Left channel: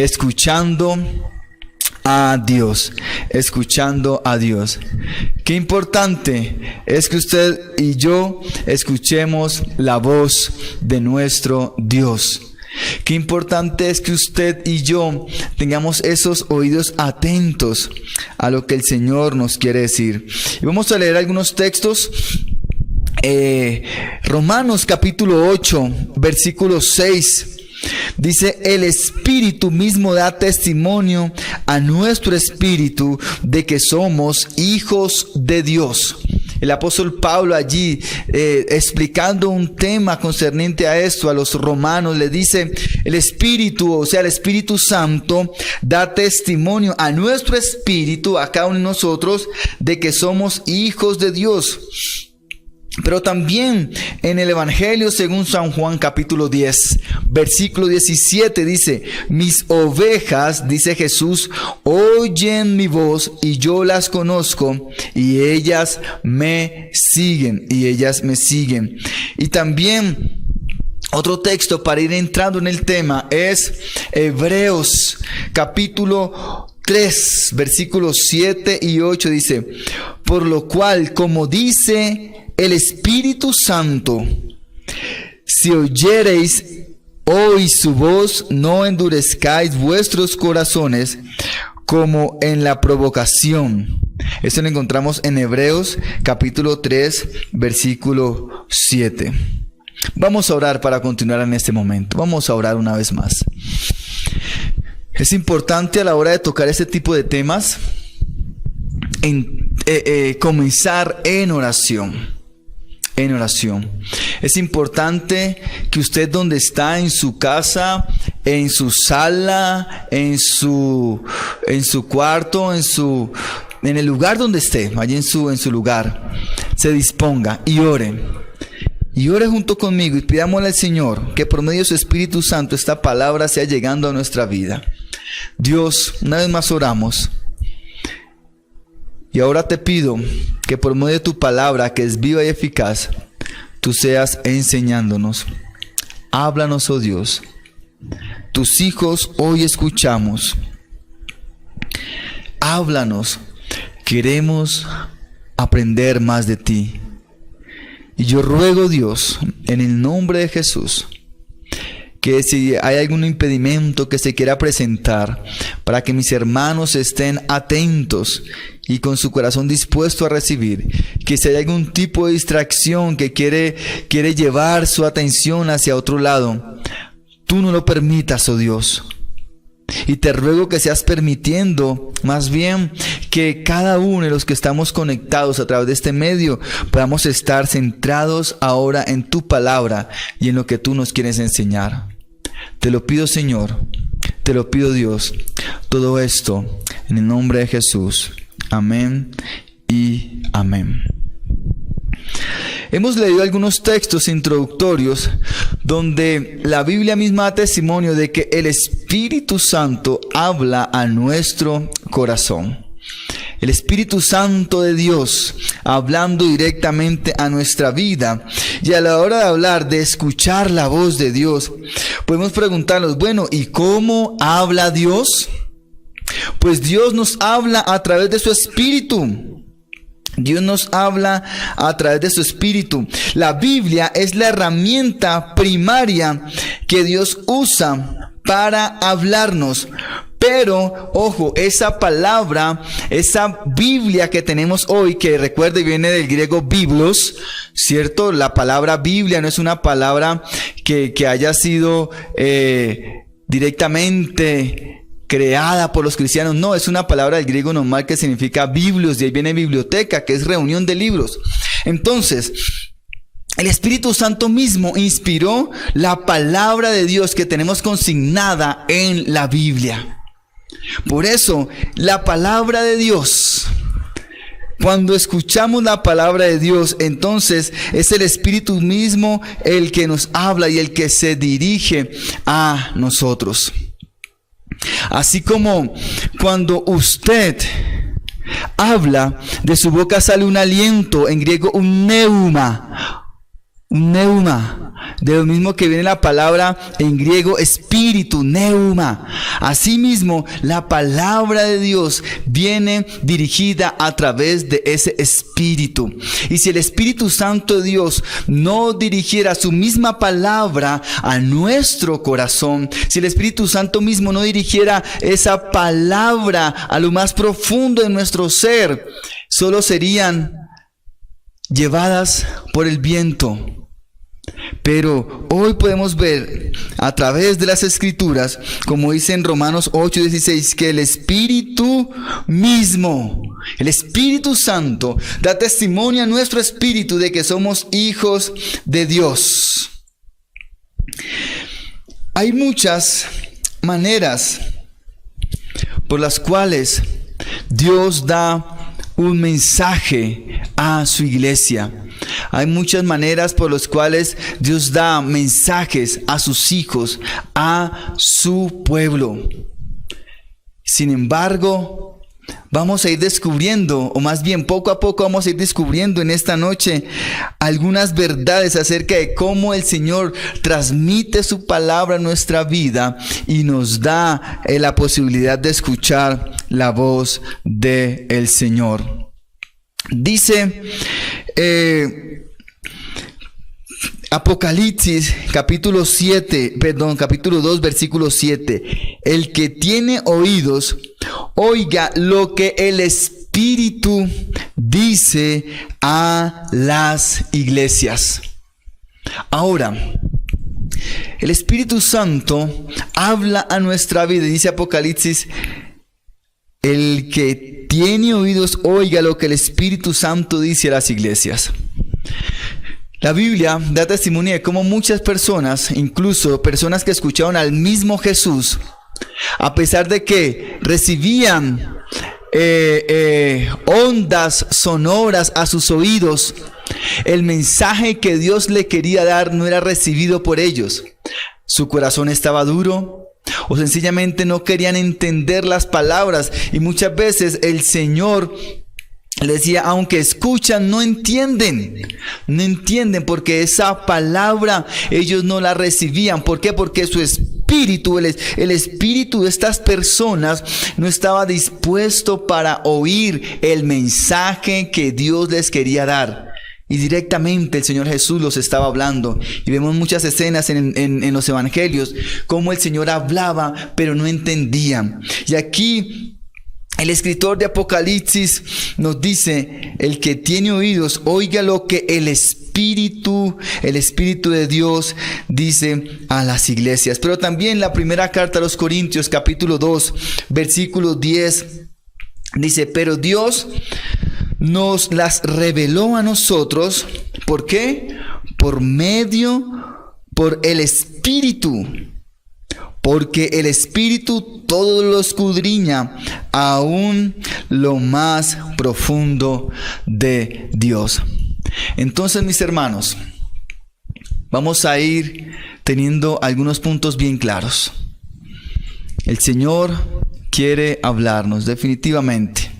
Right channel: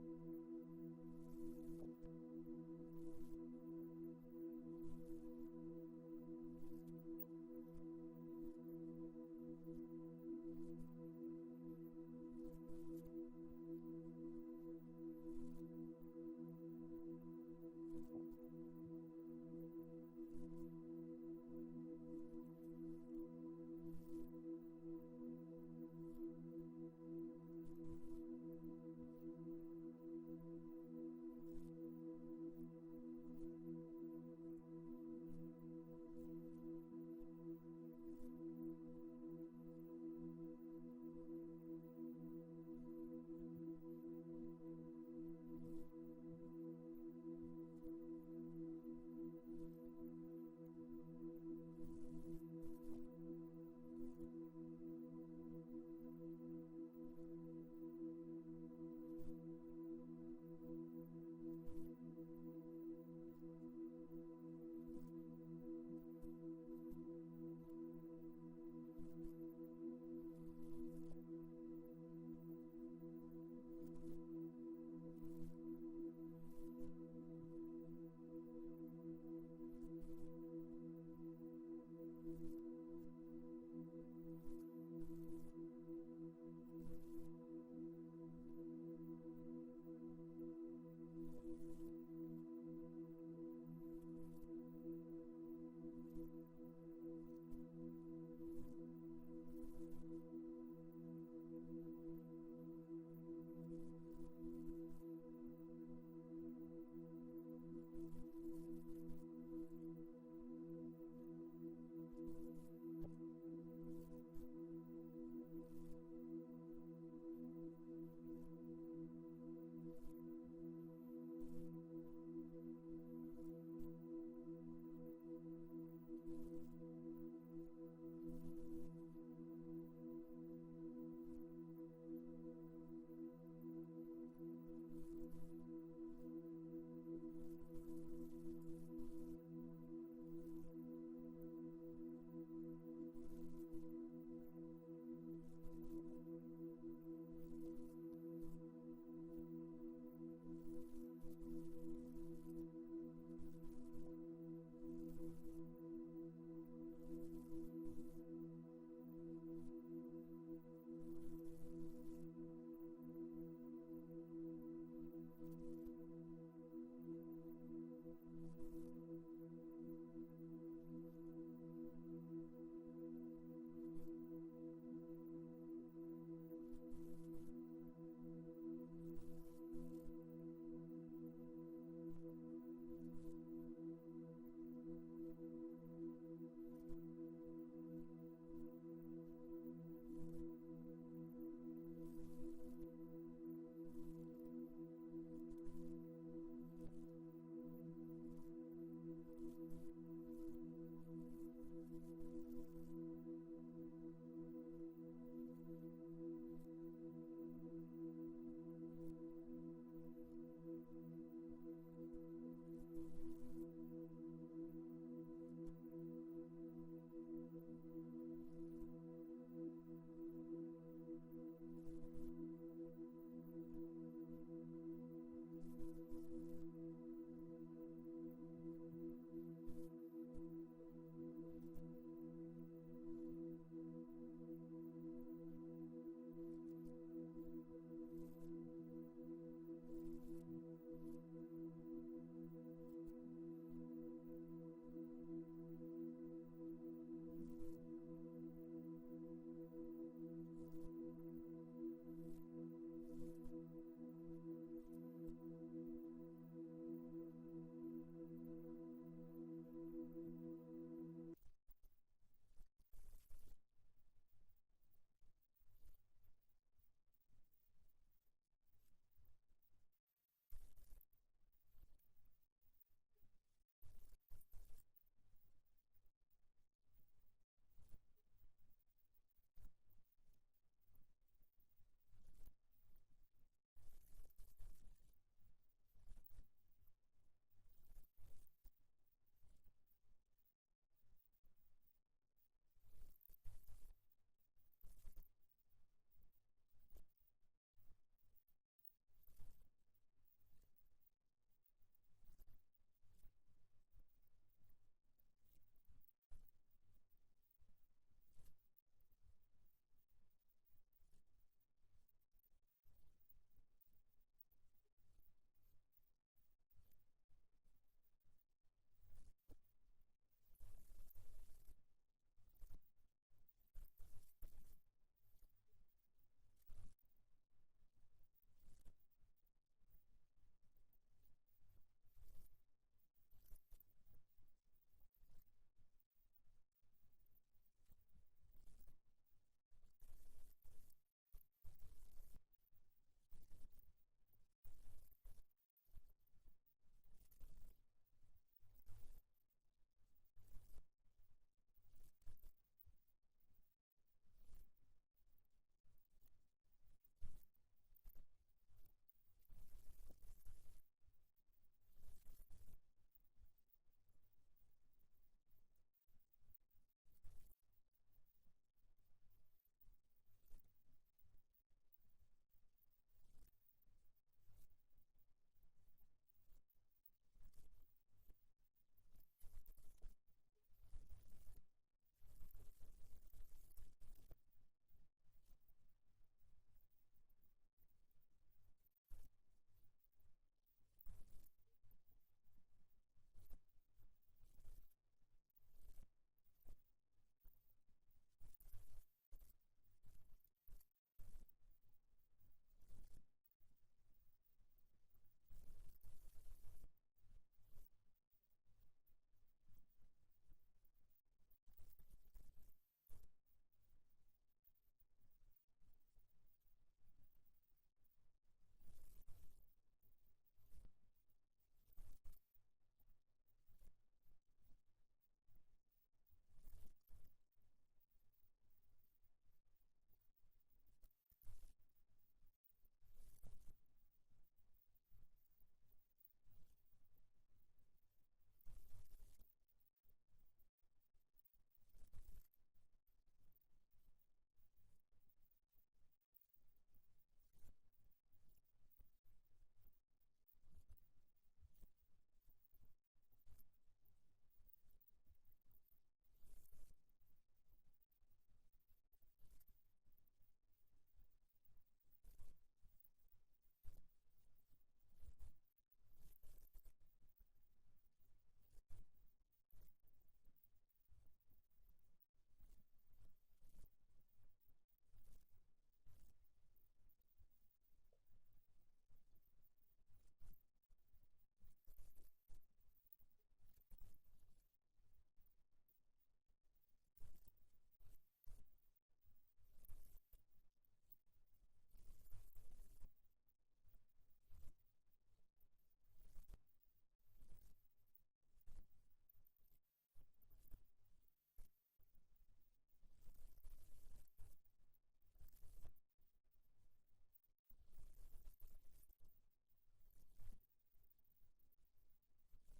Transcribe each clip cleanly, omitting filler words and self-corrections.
escuchando a Dios, escuchando a Dios. Qué importante es que usted y yo escuchemos la voz de nuestro Dios. Qué importante es que usted y yo tengamos esos oídos atentos a lo que el Señor nos quiere decir. Y vamos a leer algunos textos. Romanos capítulo 8, versículo 6. Dice: el Espíritu mismo da testimonio a nuestro espíritu de que somos hijos de Dios. El apóstol Pablo allí explicando un tema concerniente a esto a los romanos, le dice: el Espíritu, o sea el Espíritu Santo, da testimonio a nuestro espíritu, a cada uno de nosotros, de que somos hijos de Dios. Pero también en el Evangelio según San Juan capítulo 10, versículo 17 dice: mis ovejas, dice Jesús, oyen mi voz y yo las conozco y ellas me siguen, Y también otro texto para ir entrando en el tema es Hebreos capítulo 3, versículos 7 y 8 dice: por lo cual, como dice el Espíritu Santo, si oyereis hoy su voz, no endurezcáis vuestros corazones como en la provocación. Esto lo encontramos en Hebreos capítulo 3, versículo 7. Vamos a orar para continuar en este momento. Vamos a orar una vez más. Es importante a la hora de tocar este tipo de temas comenzar en oración. Es importante que usted, donde está, en su casa, en su sala, en su cuarto, en el lugar donde esté, allí en su lugar, se disponga y ore. Y ore junto conmigo y pidámosle al Señor que por medio de su Espíritu Santo esta palabra sea llegando a nuestra vida. Dios, una vez más oramos. Y ahora te pido que por medio de tu palabra, que es viva y eficaz, tú seas enseñándonos. Háblanos, oh Dios. Tus hijos hoy escuchamos. Háblanos. Queremos aprender más de ti. Y yo ruego, Dios, en el nombre de Jesús, que si hay algún impedimento que se quiera presentar, para que mis hermanos estén atentos y con su corazón dispuesto a recibir, que si hay algún tipo de distracción que quiere llevar su atención hacia otro lado, tú no lo permitas, oh Dios. Y te ruego que seas permitiendo más bien que cada uno de los que estamos conectados a través de este medio podamos estar centrados ahora en tu palabra y en lo que tú nos quieres enseñar. Te lo pido, Señor, te lo pido, Dios, todo esto en el nombre de Jesús. Amén y amén. Hemos leído algunos textos introductorios donde la Biblia misma da testimonio de que el Espíritu Santo habla a nuestro corazón. El Espíritu Santo de Dios hablando directamente a nuestra vida. Y a la hora de hablar, de escuchar la voz de Dios, podemos preguntarnos, bueno, ¿y cómo habla Dios? Pues Dios nos habla a través de su Espíritu. Dios nos habla a través de su Espíritu. La Biblia es la herramienta primaria que Dios usa para hablarnos. Pero, ojo, esa palabra, esa Biblia que tenemos hoy, que recuerde viene del griego biblos, ¿cierto? La palabra Biblia no es una palabra que haya sido directamente creada por los cristianos. No, es una palabra del griego normal que significa biblios, de ahí viene biblioteca, que es reunión de libros. Entonces, el Espíritu Santo mismo inspiró la palabra de Dios que tenemos consignada en la Biblia. Por eso, la palabra de Dios, cuando escuchamos la palabra de Dios, entonces es el Espíritu mismo el que nos habla y el que se dirige a nosotros. Así como cuando usted habla, de su boca sale un aliento, en griego un neuma. un neuma, de lo mismo que viene la palabra en griego espíritu, neuma. Asimismo, la palabra de Dios viene dirigida a través de ese espíritu. Y si el Espíritu Santo de Dios no dirigiera su misma palabra a nuestro corazón, si el Espíritu Santo mismo no dirigiera esa palabra a lo más profundo de nuestro ser, solo serían llevadas por el viento. Pero hoy podemos ver a través de las Escrituras, como dice en Romanos 8:16, que el Espíritu mismo, el Espíritu Santo, da testimonio a nuestro espíritu de que somos hijos de Dios. Hay muchas maneras por las cuales Dios da un mensaje a su iglesia. Hay muchas maneras por las cuales Dios da mensajes a sus hijos, a su pueblo. Sin embargo, vamos a ir descubriendo, o más bien poco a poco vamos a ir descubriendo en esta noche algunas verdades acerca de cómo el Señor transmite su palabra a nuestra vida y nos da la posibilidad de escuchar la voz del Señor. Dice Apocalipsis capítulo 2 versículo 7: el que tiene oídos, oiga lo que el Espíritu dice a las iglesias. Ahora, el Espíritu Santo habla a nuestra vida. Dice Apocalipsis: el que tiene oídos, oiga lo que el Espíritu Santo dice a las iglesias. La Biblia da testimonio de cómo muchas personas, incluso personas que escucharon al mismo Jesús, a pesar de que recibían ondas sonoras a sus oídos, el mensaje que Dios le quería dar no era recibido por ellos. Su corazón estaba duro, o sencillamente no querían entender las palabras, y muchas veces el Señor le decía: aunque escuchan, no entienden porque esa palabra ellos no la recibían. ¿Por qué? Porque su espíritu, el espíritu de estas personas no estaba dispuesto para oír el mensaje que Dios les quería dar. Y directamente el Señor Jesús los estaba hablando. Y vemos muchas escenas en los evangelios, cómo el Señor hablaba, pero no entendían. Y aquí el escritor de Apocalipsis nos dice: el que tiene oídos, oiga lo que el Espíritu de Dios dice a las iglesias. Pero también la primera carta a los Corintios, capítulo 2, versículo 10, dice: pero Dios nos las reveló a nosotros. ¿Por qué? Por el Espíritu. Porque el Espíritu todo lo escudriña, aún lo más profundo de Dios. Entonces, mis hermanos, vamos a ir teniendo algunos puntos bien claros. El Señor quiere hablarnos definitivamente.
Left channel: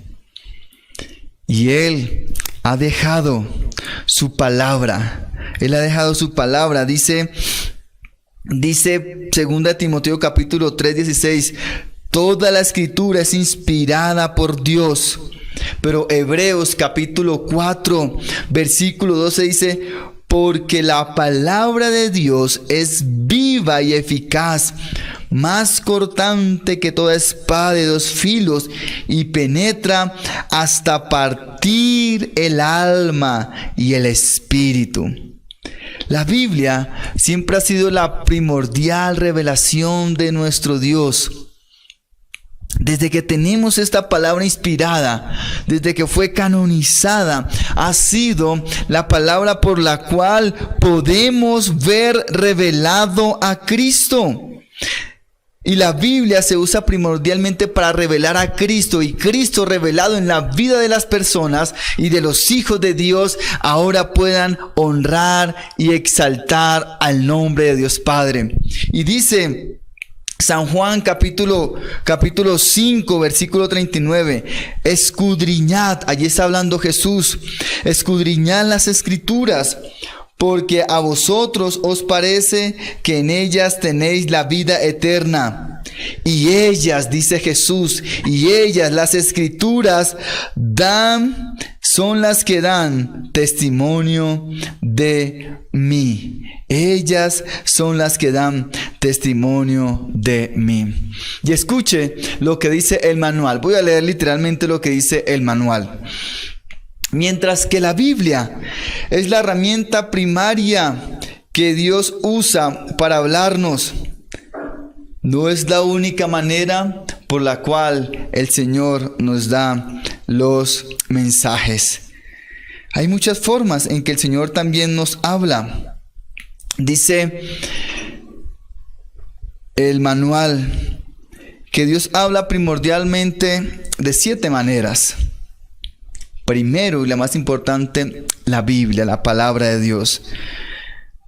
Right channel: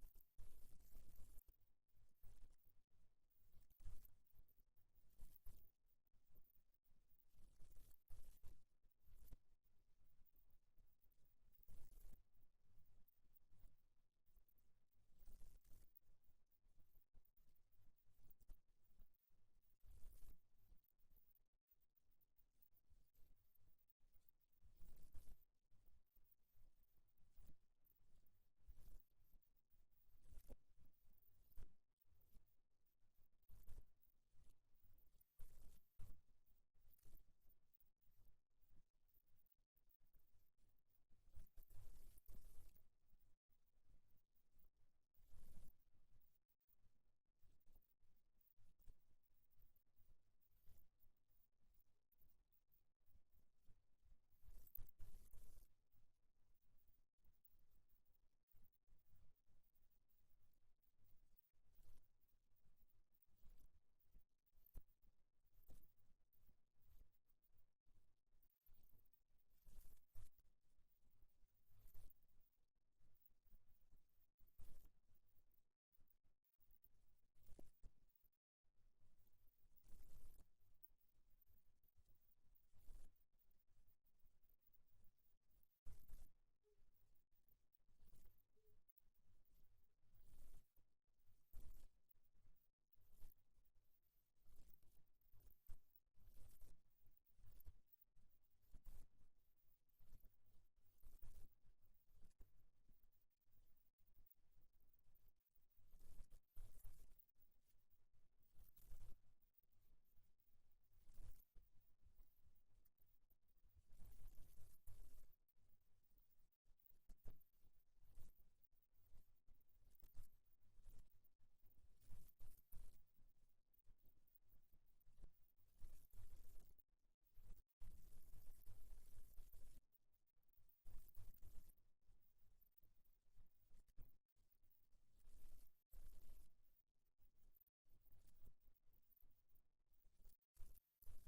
Y Él ha dejado su palabra. Él ha dejado su palabra. Dice 2 Timoteo capítulo 3:16: toda la escritura es inspirada por Dios. Pero Hebreos capítulo 4 versículo 12 dice: porque la palabra de Dios es viva y eficaz, más cortante que toda espada de dos filos, y penetra hasta partir el alma y el espíritu. La Biblia siempre ha sido la primordial revelación de nuestro Dios. Desde que tenemos esta palabra inspirada, desde que fue canonizada, ha sido la palabra por la cual podemos ver revelado a Cristo. Y la Biblia se usa primordialmente para revelar a Cristo, y Cristo revelado en la vida de las personas y de los hijos de Dios ahora puedan honrar y exaltar al nombre de Dios Padre. Y dice San Juan capítulo 5 versículo 39: escudriñad, allí está hablando Jesús, escudriñad las Escrituras, porque a vosotros os parece que en ellas tenéis la vida eterna. Y ellas, dice Jesús, y ellas, las Escrituras, son las que dan testimonio de mí. Ellas son las que dan testimonio de mí. Y escuche lo que dice el manual. Voy a leer literalmente lo que dice el manual. Mientras que la Biblia es la herramienta primaria que Dios usa para hablarnos, no es la única manera por la cual el Señor nos da los mensajes. Hay muchas formas en que el Señor también nos habla. Dice el manual que Dios habla primordialmente de 7 maneras. Primero y la más importante, la Biblia, la palabra de Dios.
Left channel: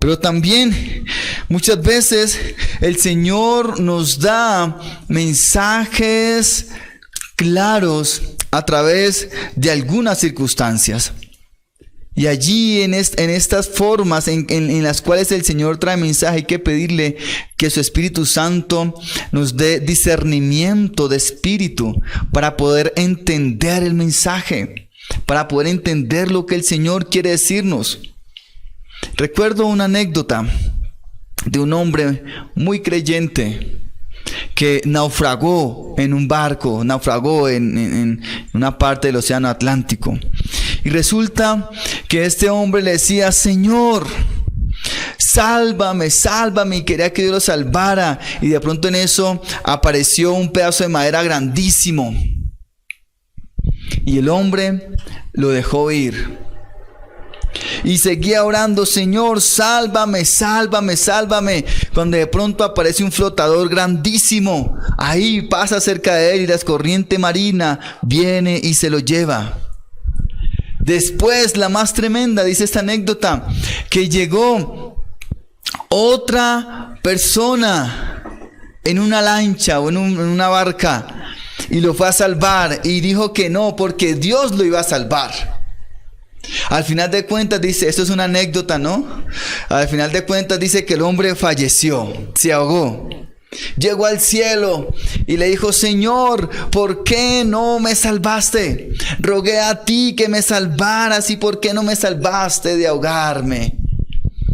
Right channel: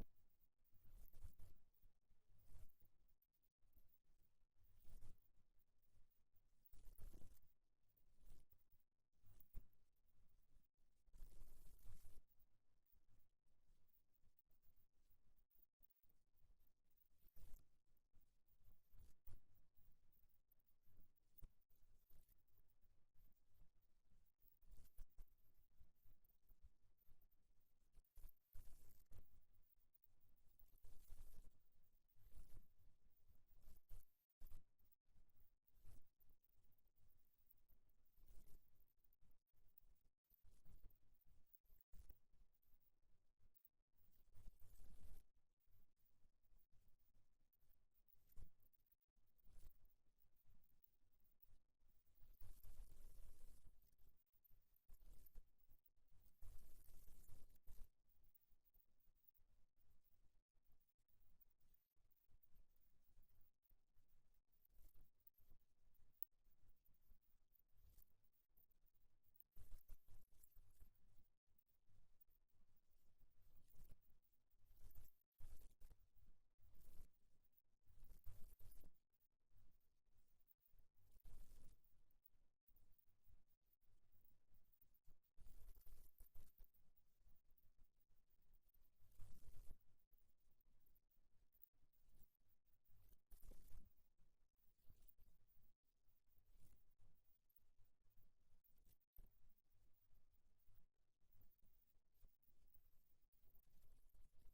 Pero también muchas veces el Señor nos da mensajes claros a través de algunas circunstancias. Y allí en estas formas en las cuales el Señor trae mensaje, hay que pedirle que su Espíritu Santo nos dé discernimiento de espíritu para poder entender el mensaje, para poder entender lo que el Señor quiere decirnos. Recuerdo una anécdota de un hombre muy creyente que naufragó en un barco, naufragó en una parte del océano Atlántico. Y resulta que este hombre le decía: Señor, sálvame, sálvame, y quería que Dios lo salvara. Y de pronto en eso apareció un pedazo de madera grandísimo. Y el hombre lo dejó ir. Y seguía orando: Señor, sálvame, sálvame, sálvame. Cuando de pronto aparece un flotador grandísimo. Ahí pasa cerca de él y la corriente marina viene y se lo lleva. Después, la más tremenda, dice esta anécdota, que llegó otra persona en una lancha o en una barca y lo fue a salvar, y dijo que no, porque Dios lo iba a salvar. Al final de cuentas dice, esto es una anécdota, ¿no? Al final de cuentas dice que el hombre falleció, se ahogó. Llegó al cielo y le dijo: Señor, ¿por qué no me salvaste? Rogué a ti que me salvaras, y ¿por qué no me salvaste de ahogarme?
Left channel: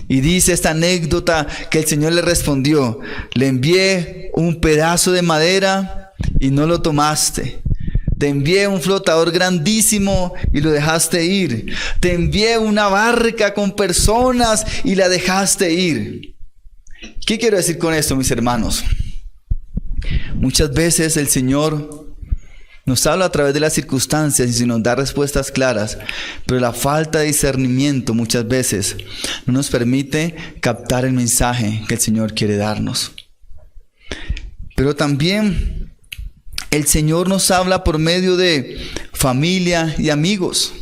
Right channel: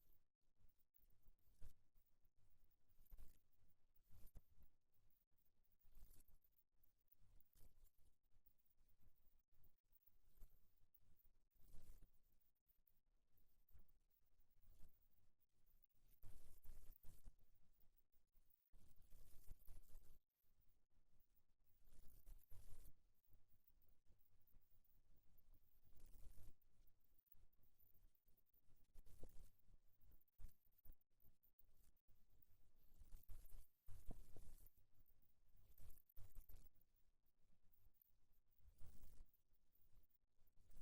Y dice esta anécdota que el Señor le respondió: le envié un pedazo de madera y no lo tomaste. Te envié un flotador grandísimo y lo dejaste ir. Te envié una barca con personas y la dejaste ir. ¿Qué quiero decir con esto, mis hermanos? Muchas veces el Señor nos habla a través de las circunstancias y nos da respuestas claras, pero la falta de discernimiento muchas veces no nos permite captar el mensaje que el Señor quiere darnos. Pero también el Señor nos habla por medio de familia y amigos.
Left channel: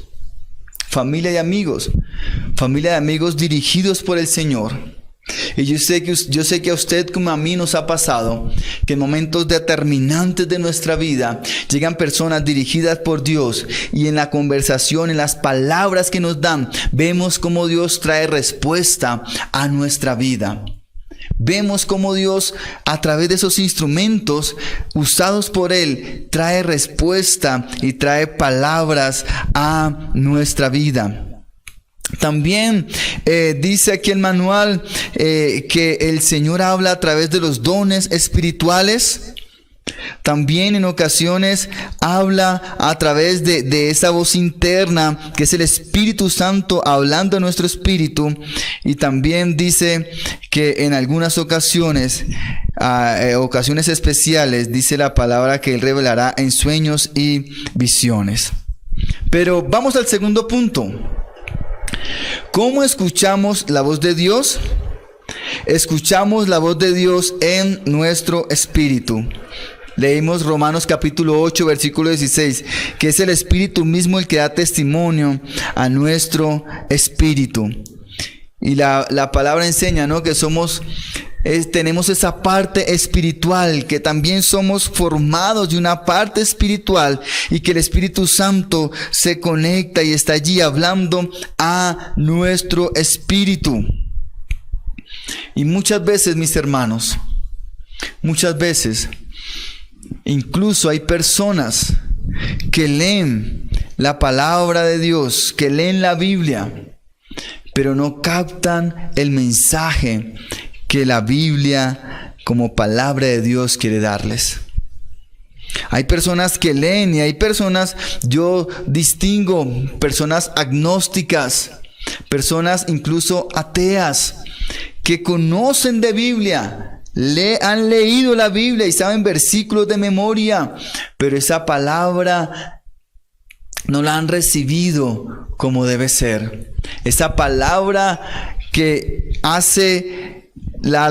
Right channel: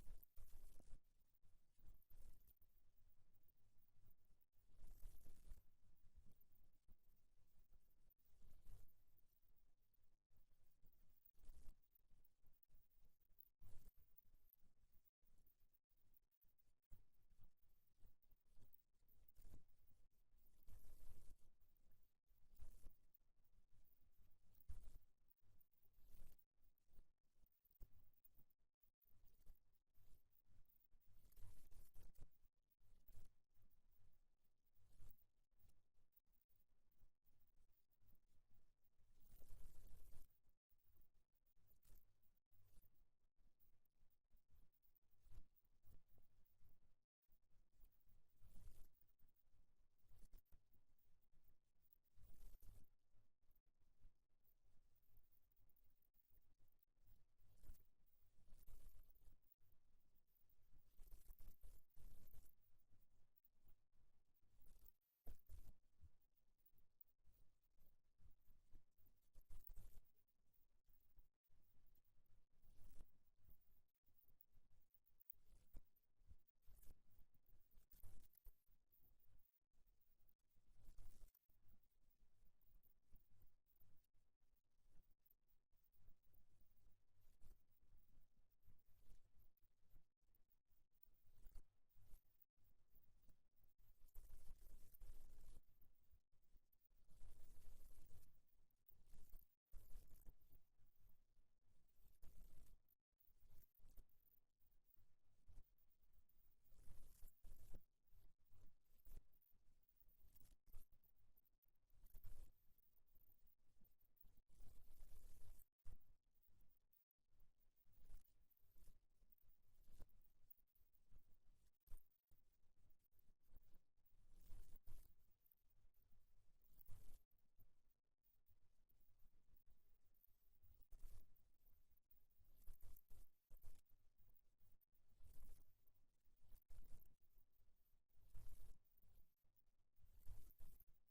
Familia y amigos. Familia y amigos dirigidos por el Señor. Y yo sé que a usted como a mí nos ha pasado que en momentos determinantes de nuestra vida llegan personas dirigidas por Dios, y en la conversación, en las palabras que nos dan, vemos cómo Dios trae respuesta a nuestra vida. Vemos cómo Dios, a través de esos instrumentos usados por Él, trae respuesta y trae palabras a nuestra vida. También dice aquí el manual que el Señor habla a través de los dones espirituales. También en ocasiones habla a través de esa voz interna que es el Espíritu Santo hablando a nuestro espíritu. Y también dice que en algunas ocasiones, ocasiones especiales, dice la palabra que Él revelará en sueños y visiones. Pero vamos al segundo punto. ¿Cómo escuchamos la voz de Dios? Escuchamos la voz de Dios en nuestro espíritu. Leímos Romanos capítulo 8, versículo 16, que es el Espíritu mismo el que da testimonio a nuestro espíritu. Y la palabra enseña, ¿no?, que somos tenemos esa parte espiritual, que también somos formados de una parte espiritual y que el Espíritu Santo se conecta y está allí hablando a nuestro espíritu. Y muchas veces, mis hermanos, muchas veces, incluso hay personas que leen la palabra de Dios, que leen la Biblia, pero no captan el mensaje que la Biblia como palabra de Dios quiere darles. Hay personas que leen y hay personas, yo distingo personas agnósticas, personas incluso ateas, que conocen de Biblia, han leído la Biblia y saben versículos de memoria, pero esa palabra no la han recibido como debe ser. Esa palabra que hace la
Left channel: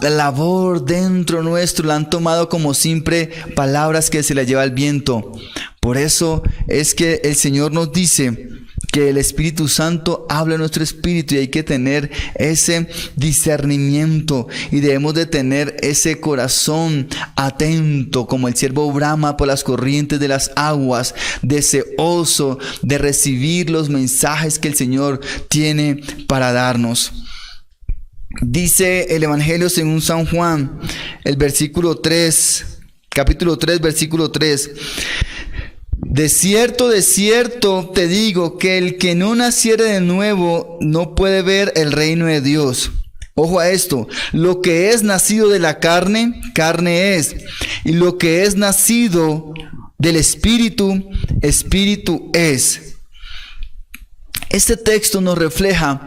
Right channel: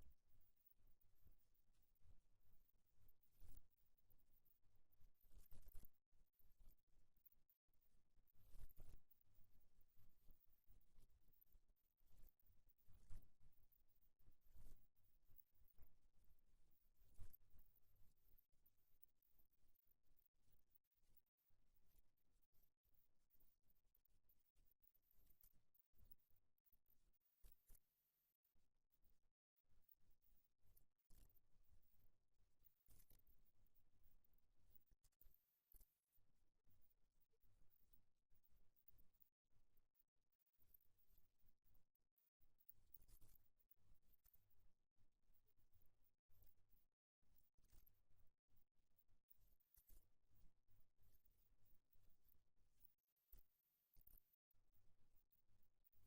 labor dentro nuestro, la han tomado como siempre palabras que se la lleva el viento. Por eso es que el Señor nos dice que el Espíritu Santo habla en nuestro espíritu y hay que tener ese discernimiento y debemos de tener ese corazón atento como el ciervo brama por las corrientes de las aguas, deseoso de recibir los mensajes que el Señor tiene para darnos. Dice el Evangelio según San Juan, el versículo 3, capítulo 3, versículo 3. De cierto te digo que el que no naciere de nuevo no puede ver el reino de Dios. Ojo a esto, lo que es nacido de la carne, carne es, y lo que es nacido del Espíritu, Espíritu es. Este texto nos refleja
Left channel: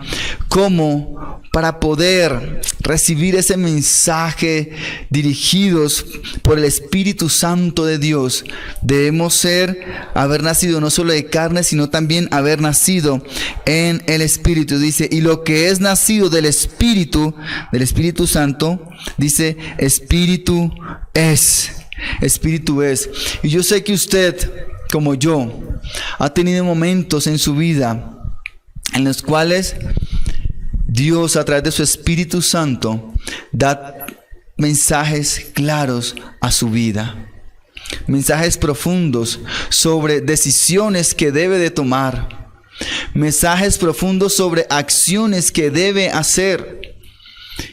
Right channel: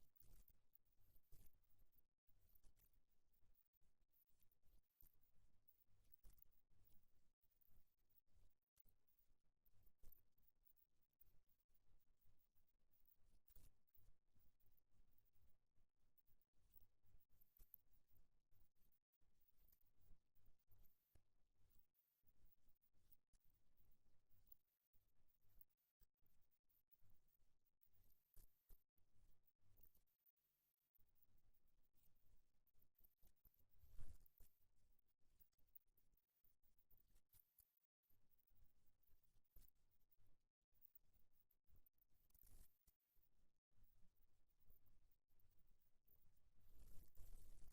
cómo para poder recibir ese mensaje dirigidos por el Espíritu Santo de Dios, debemos haber nacido no solo de carne, sino también haber nacido en el Espíritu. Dice, y lo que es nacido del Espíritu Santo, dice, Espíritu es. Espíritu es. Y yo sé que usted, como yo, ha tenido momentos en su vida en los cuales Dios, a través de su Espíritu Santo, da mensajes claros a su vida. Mensajes profundos sobre decisiones que debe de tomar. Mensajes profundos sobre acciones que debe hacer.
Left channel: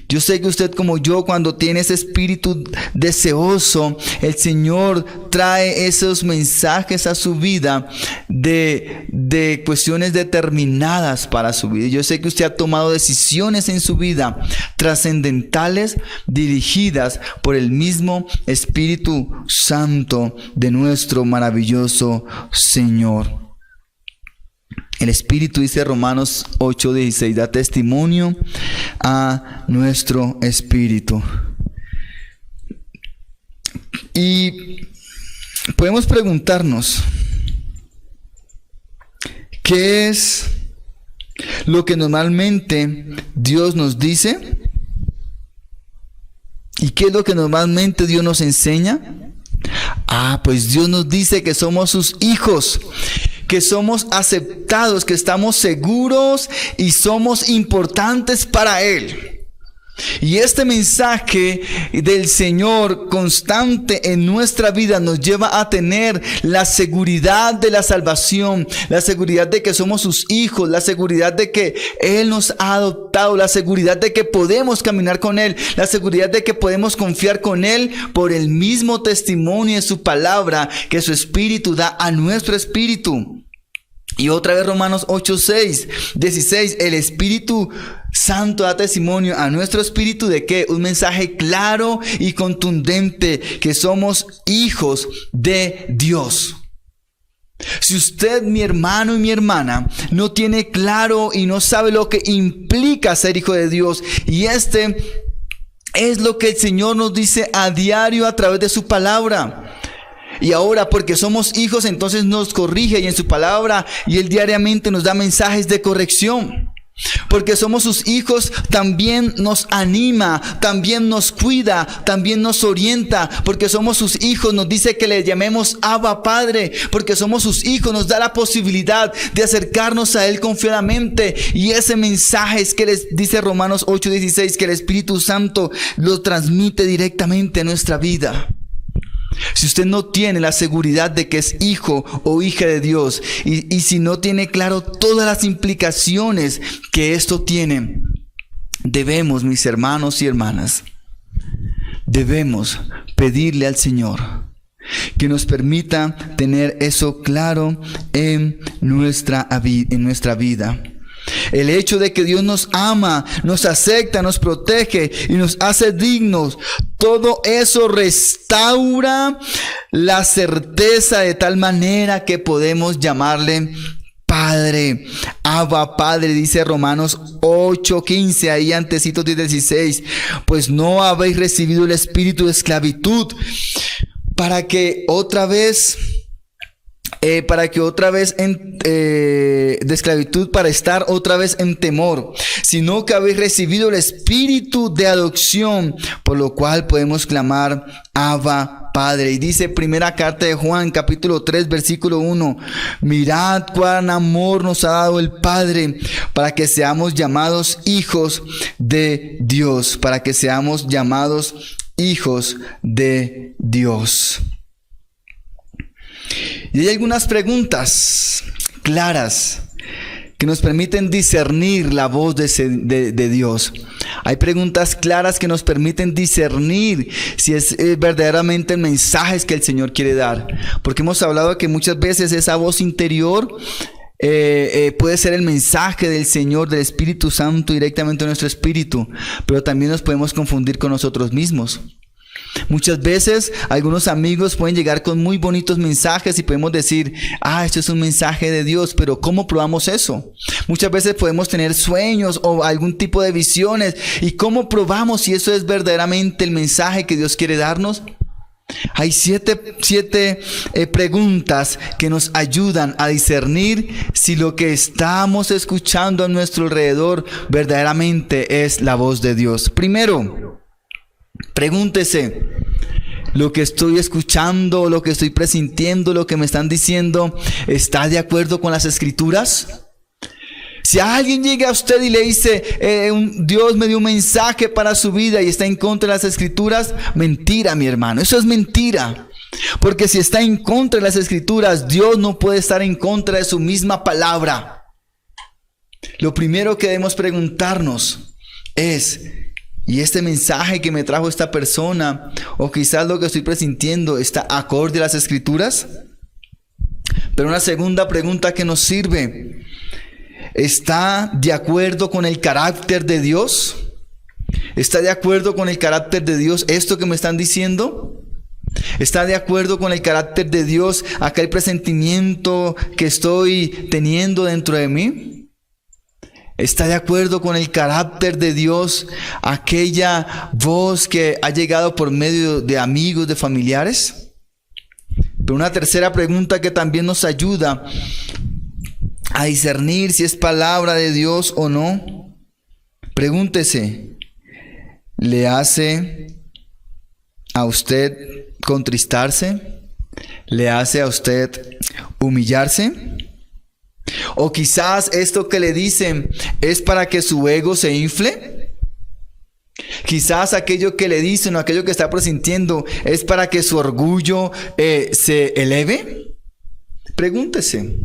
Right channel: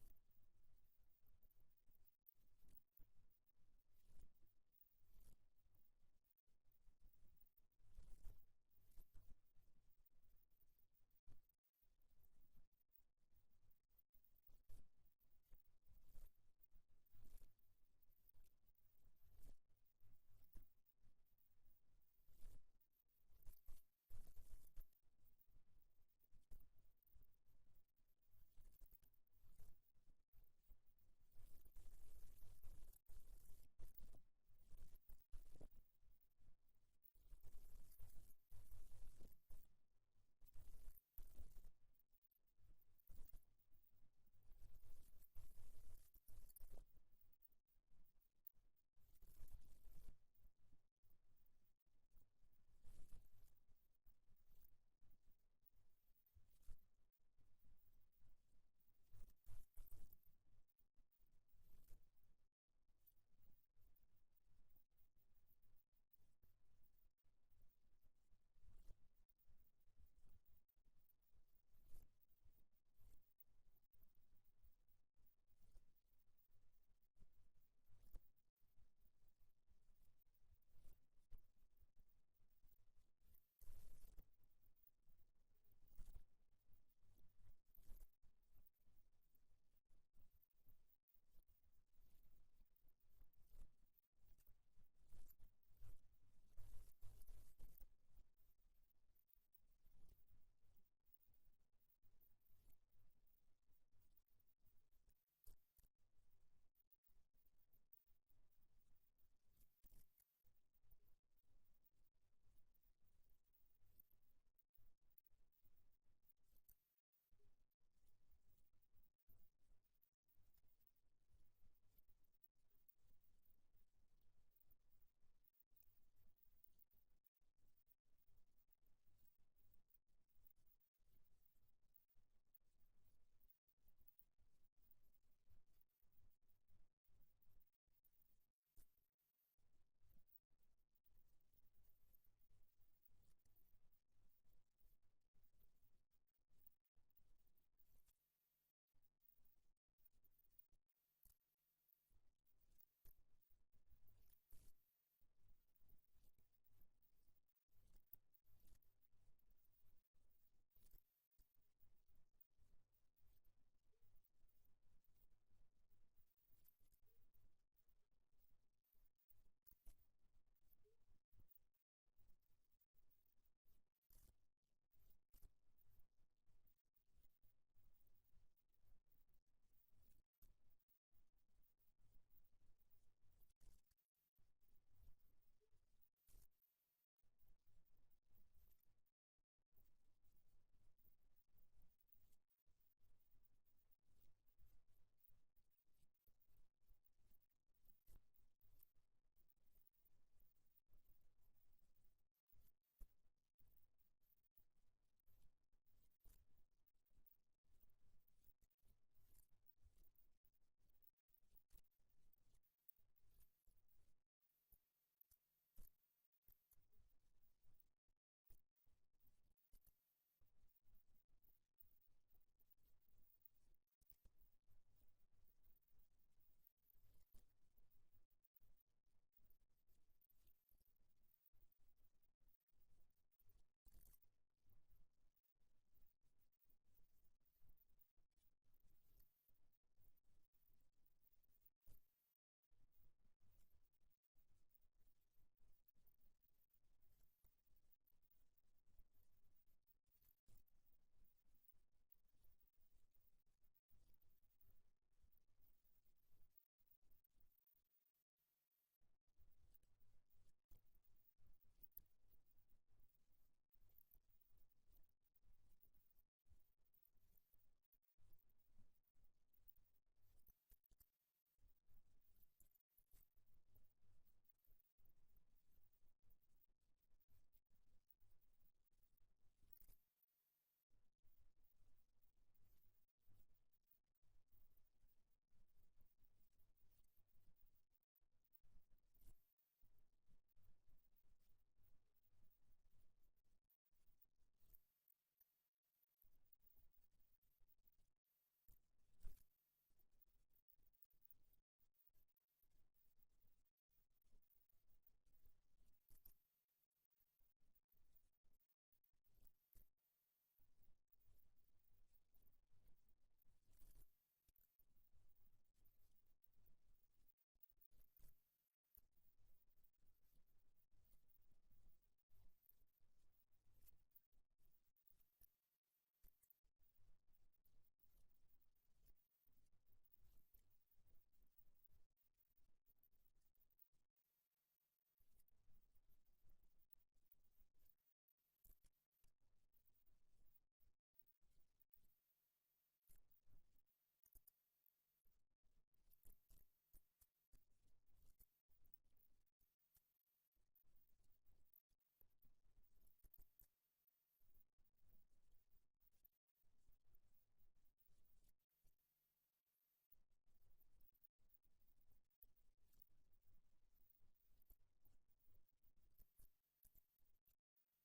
Yo sé que usted como yo, cuando tiene ese espíritu deseoso, el Señor trae esos mensajes a su vida de cuestiones determinadas para su vida. Yo sé que usted ha tomado decisiones en su vida trascendentales dirigidas por el mismo Espíritu Santo de nuestro maravilloso Señor. El Espíritu, dice Romanos 8:16, da testimonio a nuestro espíritu. Y podemos preguntarnos, ¿qué es lo que normalmente Dios nos dice? ¿Y qué es lo que normalmente Dios nos enseña? Pues Dios nos dice que somos sus hijos, que somos aceptados, que estamos seguros y somos importantes para Él. Y este mensaje del Señor constante en nuestra vida nos lleva a tener la seguridad de la salvación, la seguridad de que somos sus hijos, la seguridad de que Él nos ha adoptado, la seguridad de que podemos caminar con Él, la seguridad de que podemos confiar con Él por el mismo testimonio de su palabra que su Espíritu da a nuestro espíritu. Y otra vez Romanos 8:16, el Espíritu Santo da testimonio a nuestro espíritu de que un mensaje claro y contundente, que somos hijos de Dios. Si usted, mi hermano y mi hermana, no tiene claro y no sabe lo que implica ser hijo de Dios, y este es lo que el Señor nos dice a diario a través de su palabra. Y ahora, porque somos hijos, entonces nos corrige y en su palabra, y Él diariamente nos da mensajes de corrección. Porque somos sus hijos, también nos anima, también nos cuida, también nos orienta. Porque somos sus hijos, nos dice que le llamemos Abba Padre. Porque somos sus hijos, nos da la posibilidad de acercarnos a Él confiadamente. Y ese mensaje es que les dice Romanos 8:16, que el Espíritu Santo lo transmite directamente a nuestra vida. Si usted no tiene la seguridad de que es hijo o hija de Dios, y si no tiene claro todas las implicaciones que esto tiene, debemos, mis hermanos y hermanas, debemos pedirle al Señor que nos permita tener eso claro en nuestra vida. El hecho de que Dios nos ama, nos acepta, nos protege y nos hace dignos, todo eso restaura la certeza de tal manera que podemos llamarle Padre. Abba Padre, dice Romanos 8:15, ahí antecitos de 16. Pues no habéis recibido el espíritu de esclavitud para que otra vez de esclavitud, para estar otra vez en temor, sino que habéis recibido el espíritu de adopción, por lo cual podemos clamar Abba Padre. Y dice primera carta de Juan, capítulo 3, versículo 1: mirad cuán amor nos ha dado el Padre para que seamos llamados hijos de Dios, para que seamos llamados hijos de Dios. Y hay algunas preguntas claras que nos permiten discernir la voz de Dios. Hay preguntas claras que nos permiten discernir si es verdaderamente el mensaje que el Señor quiere dar. Porque hemos hablado de que muchas veces esa voz interior puede ser el mensaje del Señor, del Espíritu Santo directamente a nuestro espíritu, pero también nos podemos confundir con nosotros mismos. Muchas veces algunos amigos pueden llegar con muy bonitos mensajes y podemos decir: esto es un mensaje de Dios, pero ¿cómo probamos eso? Muchas veces podemos tener sueños o algún tipo de visiones, y ¿cómo probamos si eso es verdaderamente el mensaje que Dios quiere darnos? Hay siete preguntas que nos ayudan a discernir si lo que estamos escuchando a nuestro alrededor verdaderamente es la voz de Dios. Primero, pregúntese: ¿lo que estoy escuchando, lo que estoy presintiendo, lo que me están diciendo, está de acuerdo con las Escrituras? Si alguien llega a usted y le dice: Dios me dio un mensaje para su vida, y está en contra de las Escrituras, mentira, mi hermano, eso es mentira. Porque si está en contra de las Escrituras, Dios no puede estar en contra de su misma palabra. Lo primero que debemos preguntarnos es: ¿y este mensaje que me trajo esta persona, o quizás lo que estoy presintiendo, está acorde a las Escrituras? Pero una segunda pregunta que nos sirve: ¿está de acuerdo con el carácter de Dios? ¿Está de acuerdo con el carácter de Dios esto que me están diciendo? ¿Está de acuerdo con el carácter de Dios aquel presentimiento que estoy teniendo dentro de mí? ¿Está de acuerdo con el carácter de Dios aquella voz que ha llegado por medio de amigos, de familiares? Pero una tercera pregunta que también nos ayuda a discernir si es palabra de Dios o no. Pregúntese: ¿le hace a usted contristarse? ¿Le hace a usted humillarse? ¿O quizás esto que le dicen es para que su ego se infle? Quizás aquello que le dicen o aquello que está presintiendo es para que su orgullo se eleve. Pregúntese.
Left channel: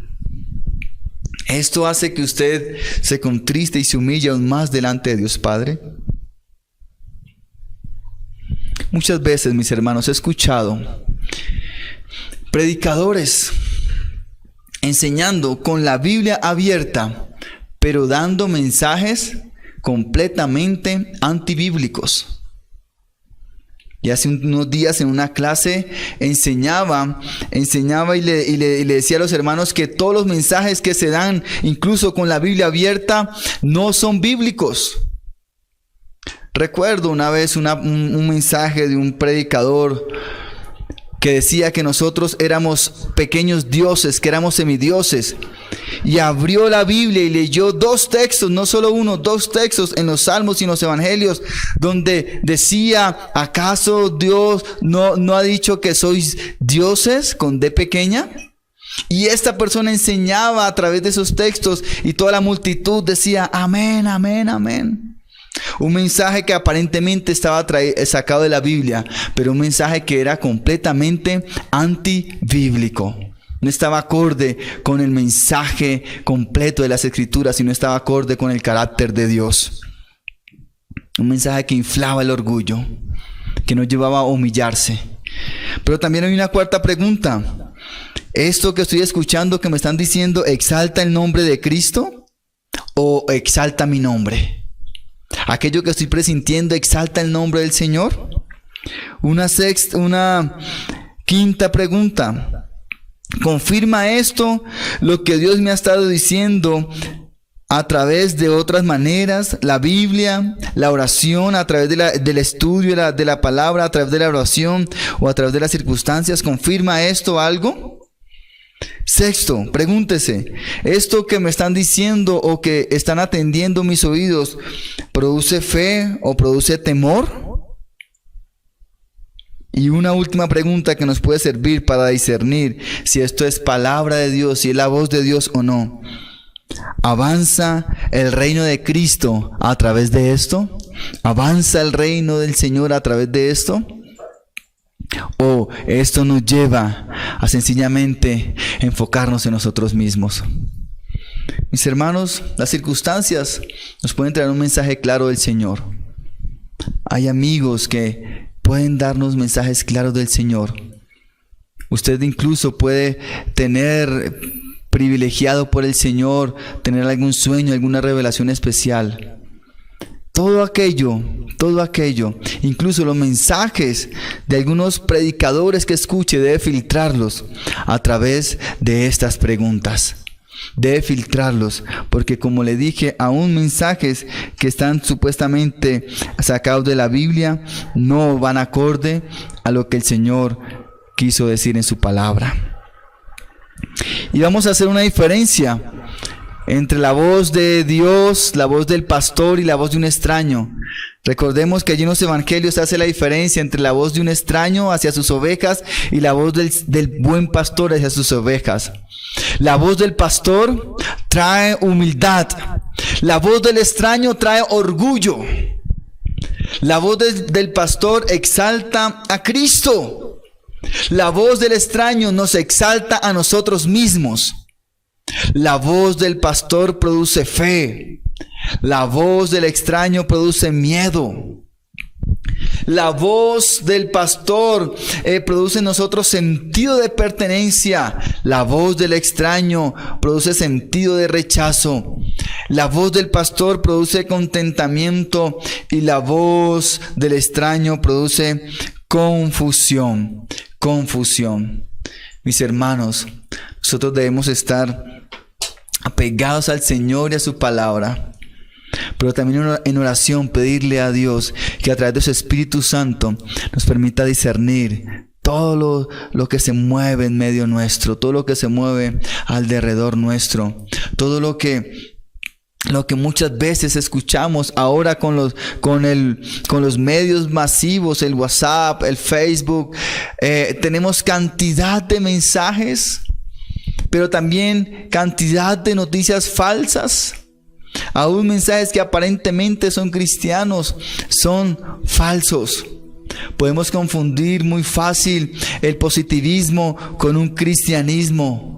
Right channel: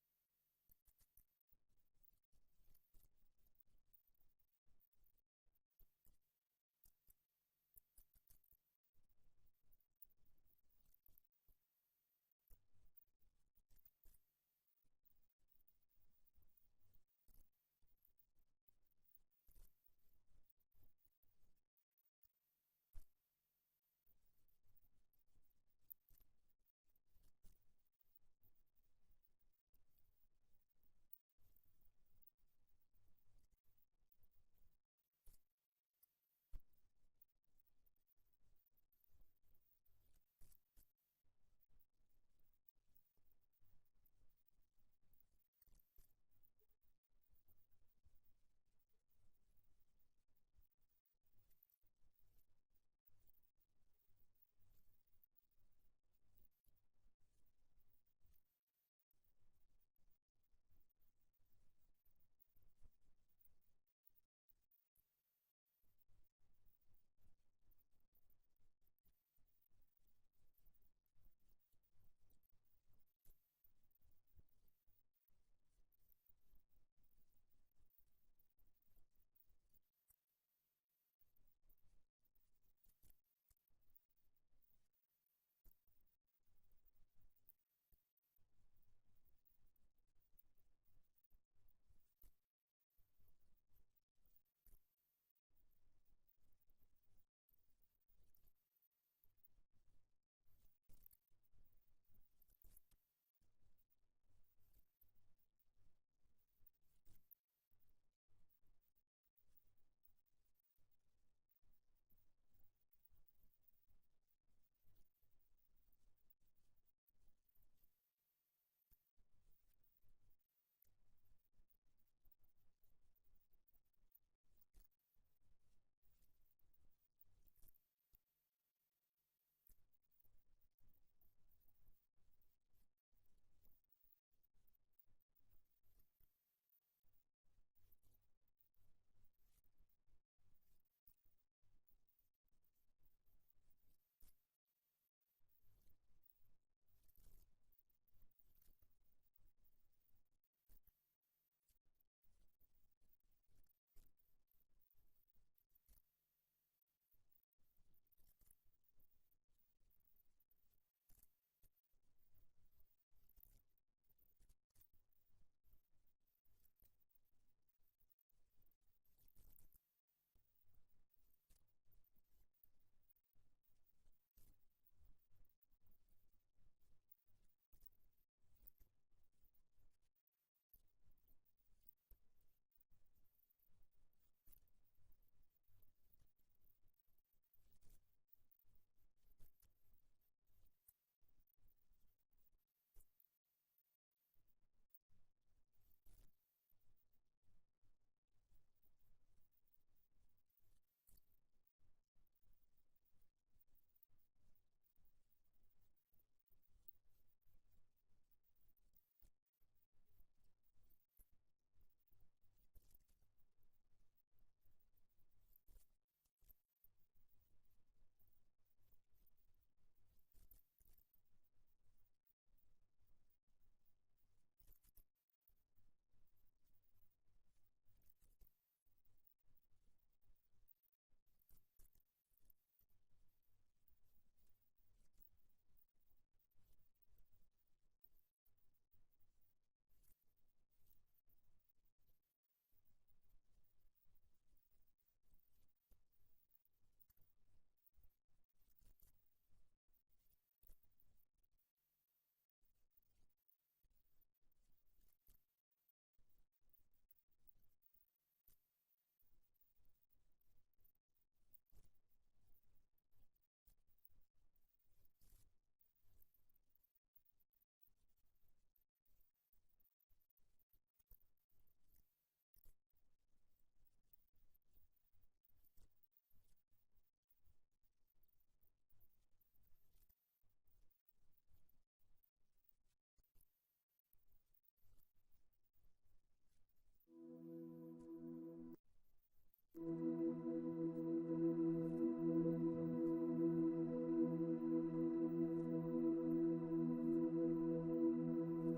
¿Esto hace que usted se contriste y se humille aún más delante de Dios Padre? Muchas veces, mis hermanos, he escuchado predicadores enseñando con la Biblia abierta, pero dando mensajes completamente antibíblicos. Y hace unos días en una clase enseñaba y le decía a los hermanos que todos los mensajes que se dan, incluso con la Biblia abierta, no son bíblicos. Recuerdo una vez un mensaje de un predicador que decía que nosotros éramos pequeños dioses, que éramos semidioses, y abrió la Biblia y leyó dos textos, no solo uno, dos textos en los Salmos y en los Evangelios, donde decía, ¿acaso Dios no ha dicho que sois dioses con D pequeña? Y esta persona enseñaba a través de esos textos y toda la multitud decía, amén, amén, amén. Un mensaje que aparentemente estaba sacado de la Biblia, pero un mensaje que era completamente antibíblico. No estaba acorde con el mensaje completo de las Escrituras y no estaba acorde con el carácter de Dios. Un mensaje que inflaba el orgullo, que nos llevaba a humillarse. Pero también hay una cuarta pregunta. ¿Esto que estoy escuchando, que me están diciendo, exalta el nombre de Cristo o exalta mi nombre? ¿Aquello que estoy presintiendo exalta el nombre del Señor? Una quinta pregunta. ¿Confirma esto lo que Dios me ha estado diciendo a través de otras maneras? La Biblia, la oración, a través del estudio de la palabra, a través de la oración o a través de las circunstancias. ¿Confirma esto algo? Sexto, pregúntese, ¿esto que me están diciendo o que están atendiendo mis oídos produce fe o produce temor? Y una última pregunta que nos puede servir para discernir si esto es palabra de Dios, si es la voz de Dios o no. ¿Avanza el reino de Cristo a través de esto? ¿Avanza el reino del Señor a través de esto? ¿O esto nos lleva a sencillamente enfocarnos en nosotros mismos? Mis hermanos, las circunstancias nos pueden traer un mensaje claro del Señor. Hay amigos que pueden darnos mensajes claros del Señor. Usted incluso puede tener privilegiado por el Señor, tener algún sueño, alguna revelación especial. Todo aquello, incluso los mensajes de algunos predicadores que escuche, debe filtrarlos a través de estas preguntas. Debe filtrarlos, porque como le dije, aún mensajes que están supuestamente sacados de la Biblia no van acorde a lo que el Señor quiso decir en su palabra. Y vamos a hacer una diferencia entre la voz de Dios, la voz del pastor y la voz de un extraño. Recordemos que allí en los evangelios se hace la diferencia entre la voz de un extraño hacia sus ovejas y la voz del buen pastor hacia sus ovejas. La voz del pastor trae humildad. La voz del extraño trae orgullo. La voz del pastor exalta a Cristo. La voz del extraño nos exalta a nosotros mismos. La voz del pastor produce fe. La voz del extraño produce miedo. La voz del pastor produce en nosotros sentido de pertenencia. La voz del extraño produce sentido de rechazo. La voz del pastor produce contentamiento y la voz del extraño produce confusión. Mis hermanos, nosotros debemos estar apegados al Señor y a su palabra, pero también en oración pedirle a Dios que a través de su Espíritu Santo nos permita discernir todo lo que se mueve en medio nuestro, todo lo que se mueve alrededor nuestro, todo lo que muchas veces escuchamos ahora con los medios masivos, el WhatsApp, el Facebook. Tenemos cantidad de mensajes, pero también cantidad de noticias falsas. Aún mensajes que aparentemente son cristianos son falsos. Podemos confundir muy fácil el positivismo con un cristianismo.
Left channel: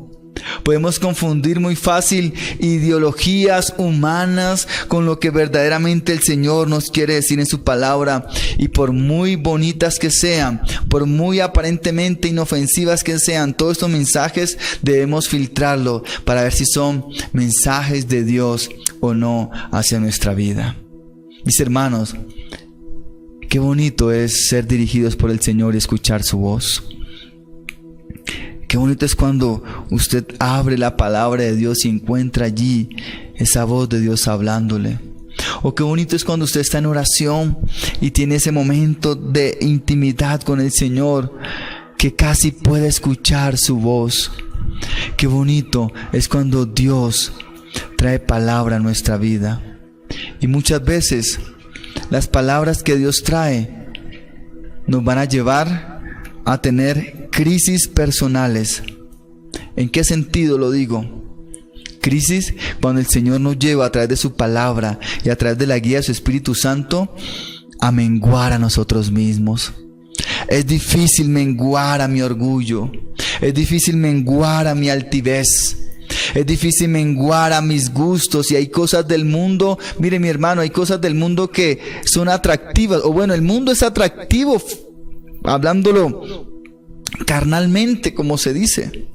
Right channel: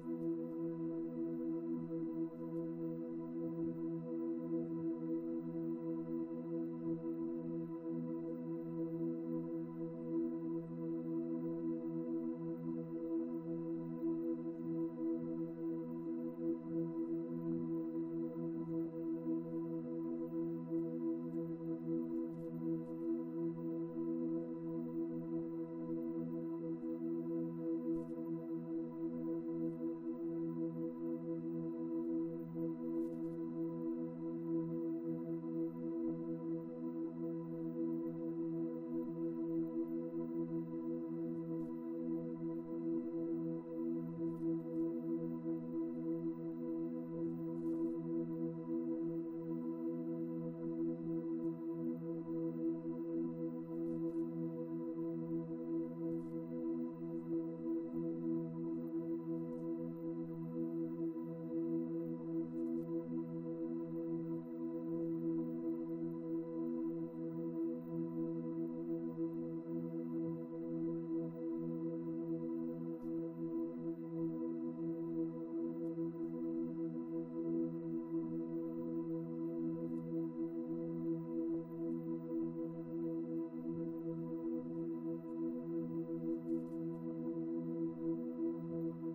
Podemos confundir muy fácil ideologías humanas con lo que verdaderamente el Señor nos quiere decir en su palabra. Y por muy bonitas que sean, por muy aparentemente inofensivas que sean, todos estos mensajes debemos filtrarlo para ver si son mensajes de Dios o no hacia nuestra vida. Mis hermanos, qué bonito es ser dirigidos por el Señor y escuchar su voz. Qué bonito es cuando usted abre la palabra de Dios y encuentra allí esa voz de Dios hablándole. O qué bonito es cuando usted está en oración y tiene ese momento de intimidad con el Señor, que casi puede escuchar su voz. Qué bonito es cuando Dios trae palabra a nuestra vida. Y muchas veces las palabras que Dios trae nos van a llevar a tener crisis personales. ¿En qué sentido lo digo? Crisis cuando el Señor nos lleva a través de su palabra y a través de la guía de su Espíritu Santo a menguar a nosotros mismos. Es difícil menguar a mi orgullo. Es difícil menguar a mi altivez. Es difícil menguar a mis gustos. Y hay cosas del mundo, mire mi hermano, hay cosas del mundo que son atractivas. O bueno, el mundo es atractivo, hablándolo carnalmente, como se dice.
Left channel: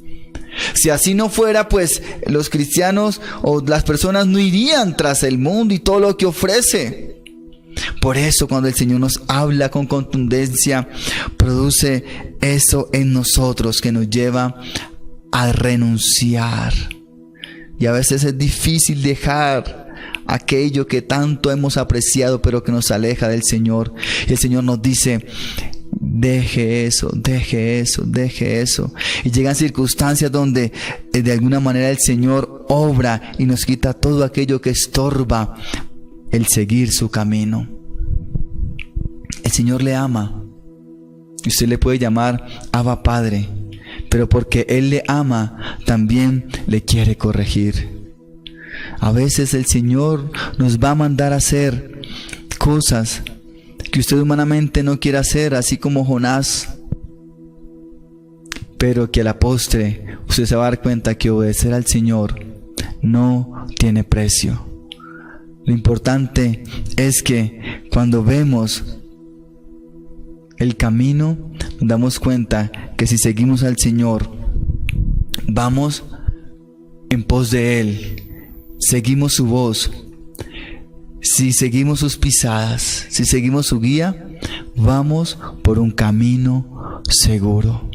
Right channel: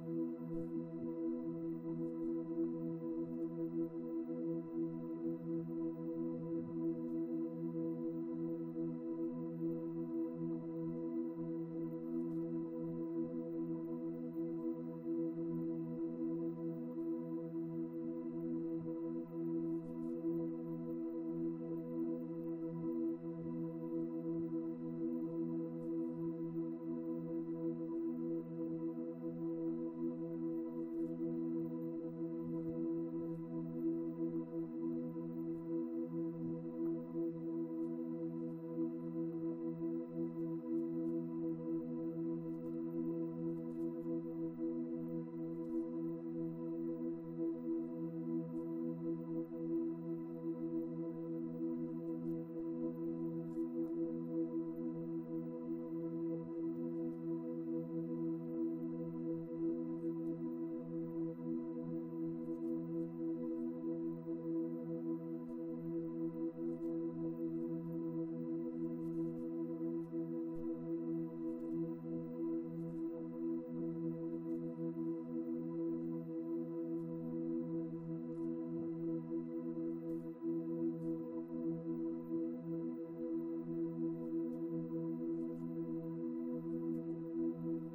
Si así no fuera, pues los cristianos o las personas no irían tras el mundo y todo lo que ofrece. Por eso cuando el Señor nos habla con contundencia, produce eso en nosotros que nos lleva a renunciar. Y a veces es difícil dejar aquello que tanto hemos apreciado, pero que nos aleja del Señor. Y el Señor nos dice: deje eso, deje eso, deje eso. Y llegan circunstancias donde de alguna manera el Señor obra y nos quita todo aquello que estorba el seguir su camino. El Señor le ama y usted le puede llamar Abba Padre, pero porque Él le ama también le quiere corregir. A veces el Señor nos va a mandar a hacer cosas que usted humanamente no quiere hacer, así como Jonás, pero que a la postre usted se va a dar cuenta que obedecer al Señor no tiene precio. Lo importante es que cuando vemos el camino, nos damos cuenta que si seguimos al Señor, vamos en pos de Él, seguimos su voz. Si seguimos sus pisadas, si seguimos su guía, vamos por un camino seguro.